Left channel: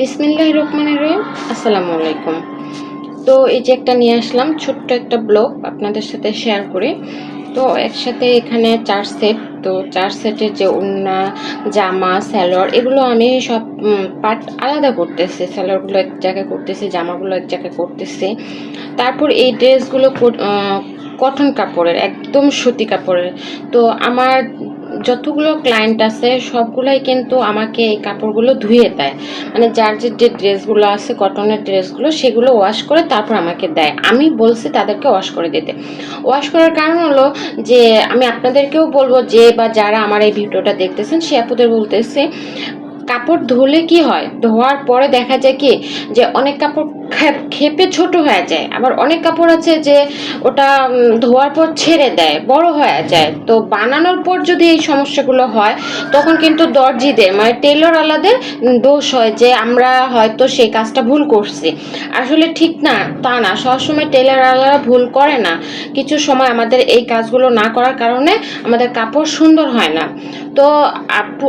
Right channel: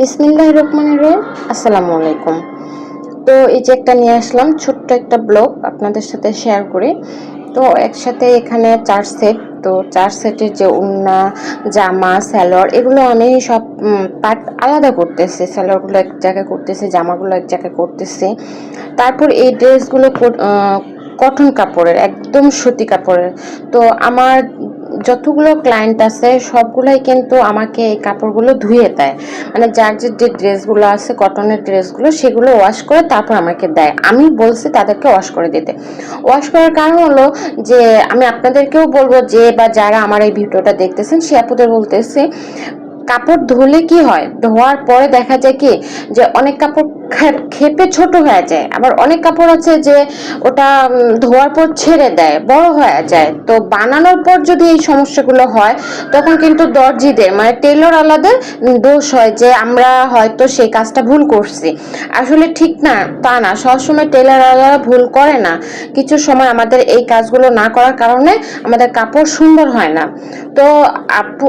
বিসমিল্লাহির রহমানির রহিম। আসসালামু আলাইকুম। তো এই যে একটা নিয়ে আসলাম ছোট্ট একটা ব্লগ আপনাদের সাথে শেয়ার করি। তো একসাথে এখানে ৪ সেট। তো ৪ সেটের যে ওড়না, জামা, সালোয়ার এগুলো আমি সব পার্ট আলাদা করতেছি। সালোয়ারগুলো এক জায়গায় করতেছি, জামাগুলো এক জায়গায় করতেছি। তারপর এই ড্রেসগুলো কটন কাপড়ের, একদম সুতি কাপড়ের। তো আমার যতগুলো ক্লায়েন্ট আছে সবগুলাই কিন্তু আমাকে এই কাপড়গুলো ধুয়ে দেয়। মানে যার যে ড্রেসগুলো আছে কটনের ড্রেসগুলো সেগুলো ওয়াশ করে তারপর আমাকে দেয়। আমি বলছি তাদেরকে ওয়াশ করে দিতে। ওয়াশ করার কারণ হলো যে আমি আপনাদেরকেও বলবো যে বা যারা আমার এই ভিডিওটা দেখতেছেন সে আপুদের বলতেছি, কাপড় ধুলে কি হয়, ধোয়ার পরে দেখা যায় কি যে অনেক কাপড় ক্ষেপে ছোট হয়ে যায়, আবার অনেক কাপড় আছে যে ওটা ধোয়ার পর ছেড়ে দেয়, বড় হয়ে যায়। তো বানানোর পর যদি এই সমস্যাগুলো হয় তখন কিন্তু দর্জিদের মানে টেলর আলাদের দোষ হয় যে আমরা হয়তো সেই কাজটা ভুল করছি। আসলে ঠিক না, তা না, সবসময় টেলর আলাদা ভুল করে না। কিছু সময় আমাদের এই কাজগুলো না করার কারণে আমাদের কাপড় সুন্দর হয় না। তো আপু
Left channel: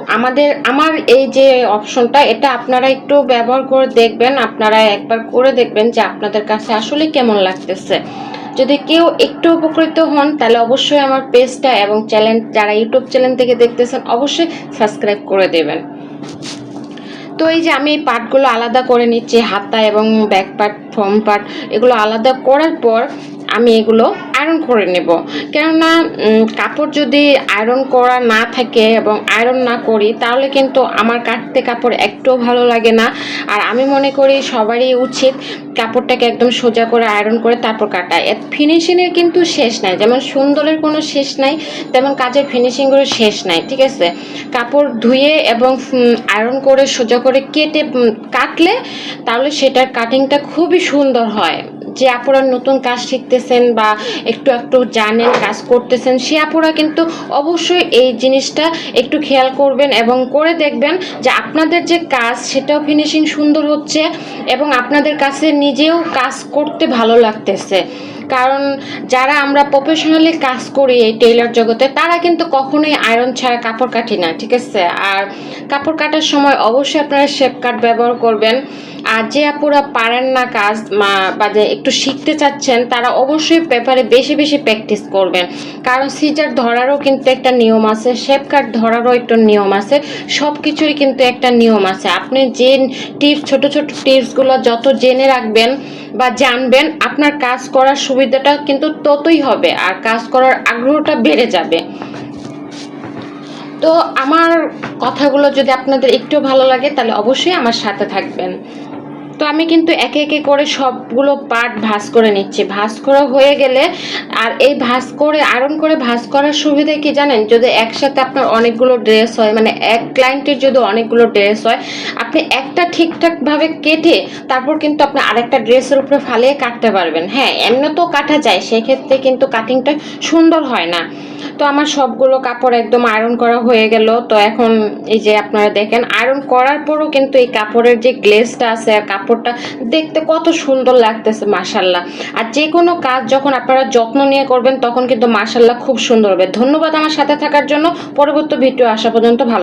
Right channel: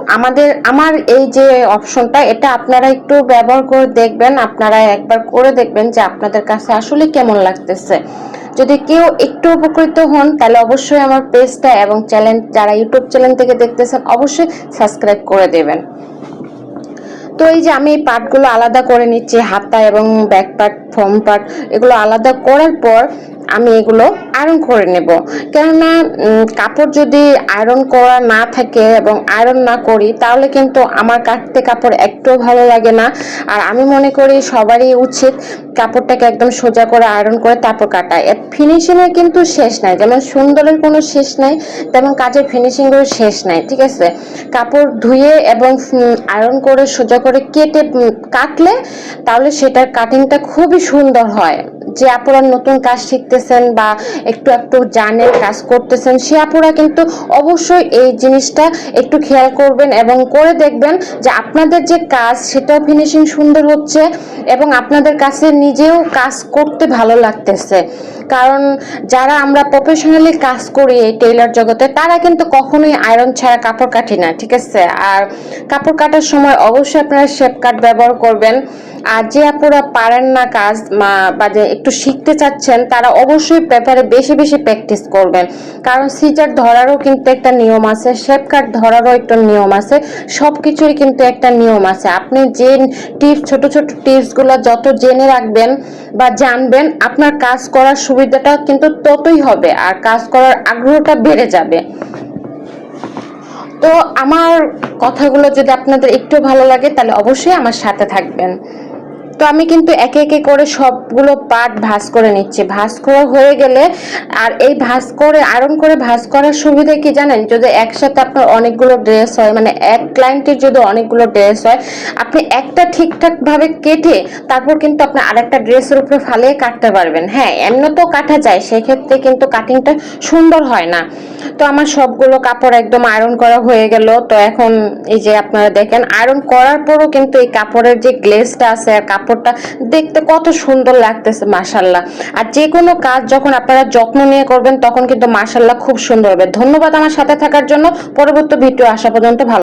আমার এই যে অপশনটা, এটা আপনারা একটু ব্যবহার করে দেখবেন, আপনারা একবার করে দেখবেন যে আপনাদের কাছে আসলে কেমন লাগতেছে। যদি কেউ একটু উপকৃত হন তাহলে অবশ্যই আমার পেজটা এবং চ্যানেল, যারা ইউটিউব চ্যানেল থেকে দেখতেছেন অবশ্যই সাবস্ক্রাইব করে দেবেন। তো এই যে আমি এই পার্টগুলো আলাদা করে নিচ্ছি, হাতা এবং ব্যাক পার্ট, ফ্রন্ট পার্ট এগুলো আলাদা করার পর আমি এগুলো আয়রন করে নেব। কেননা কাপড় যদি আয়রন করা না থাকে এবং আয়রন না করি তাহলে কিন্তু আমার কাটতে কাপড় একটুও ভালো লাগে না। আর আমি মনে করি সবারই উচিত কাপড়টাকে একদম সোজা করে আয়রন করে তারপর কাটা। এর ফিনিশিংয়ের কিন্তু শেষ নাই, যেমন সুন্দরের কোনো শেষ নাই তেমন কাজের ফিনিশিংয়েরও শেষ নাই, ঠিক আছে। কাপড় ধুয়ে এবং আয়রন করে সোজা করে কেটে কাটলে তাহলে সেটার কাটিংটা খুবই সুন্দর হয়। যে আপুরা নতুন কাজ শিখতেছেন বা একটু একটু জানেন, কাজ করতেছেন, সে আপুরা কিন্তু অবশ্যই এই জিনিসটা একটু খেয়াল করবেন এবং করে দেখবেন যে আপনাদের যে কাজ সেটাও ফিনিশিং সুন্দর হচ্ছে এবং আপনাদের কাছে নিজেও কাজ করতে ভালো লাগতেছে। কারণ যারা আমরা প্রফেশনালি কাজ করি এই টেইলর জগতে তারা কিন্তু কখনোই আয়রন ছাড়া কাপড় কাটি না, ঠিক আছে। আর কাপড় কাটার সময় অবশ্যই আপনারা শেপ কাট ব্যবহার করবেন। আর যে আপুরা পারেন না কাজ বা যে একটু শিখতে চাচ্ছেন তারা অবশ্যই পেপারে বেশি বেশি প্র্যাকটিস করবেন। কারণ সিজার ধরারও কিন্তু একটা নিয়ম আছে, শেপ কাট ধরারও একটা নিয়ম আছে, সব কিছুরই কিন্তু একটা নিয়ম আছে। আপনি যে টিপস, ছোট ছোট টিপসগুলো যত জেনে রাখবেন বা জানবেন আপনার কাজ করার সুবিধাটা কিন্তু ততই হবে আর কাজ করার আগ্রহটা বেড়ে যাবে। তো আমার কথাগুলো যদি আপনাদের একটু ভালো লাগে তাহলে অবশ্যই আমার সাথে থাকবেন। তো আমি কিন্তু একে একে করে সবগুলো পার্ট ভাঁজ করে নিচ্ছি। ভাঁজ করা হয়ে গেলে, আর এই ভাঁজ করে আয়রন করে ভাঁজ করার সুবিধা কি জানেন, যদি একসাথে আপনার অনেকগুলো ড্রেস হয়, মানে এক ক্লায়েন্টের যদি অনেকগুলো ড্রেস হয়, আপনি একটা ঠিকঠাক ভাবে কেটে তারপর কিন্তু আপনি আরেকটা ড্রেসের উপরে ফালিয়ে কাটতে পারবেন। হ্যাঁ, এমনি তো কাটা যায়, সেক্ষেত্রে কিন্তু কাটিংটা সুন্দর হয় না। তো আমার সবগুলো কাপড় একদম আয়রন করা হয়ে গেল। তো এখন এই যে আপনারা দেখেন আয়রন করার পরও কিন্তু এই কাপড়ের যে গ্লেজটা আছে আর কাপড়টা দেখতে কত সুন্দর লাগতেছে, মাশাআল্লাহ। আর যে কোনো কাজ যখন আপনারা যত্ন নিয়ে করবেন তখন কিন্তু মাশাআল্লাহ খুব সুন্দর হবে। ধন্যবাদ আমার সাথে থাকার জন্য। পরবর্তী ভিডিও আসা পর্যন্ত ভালো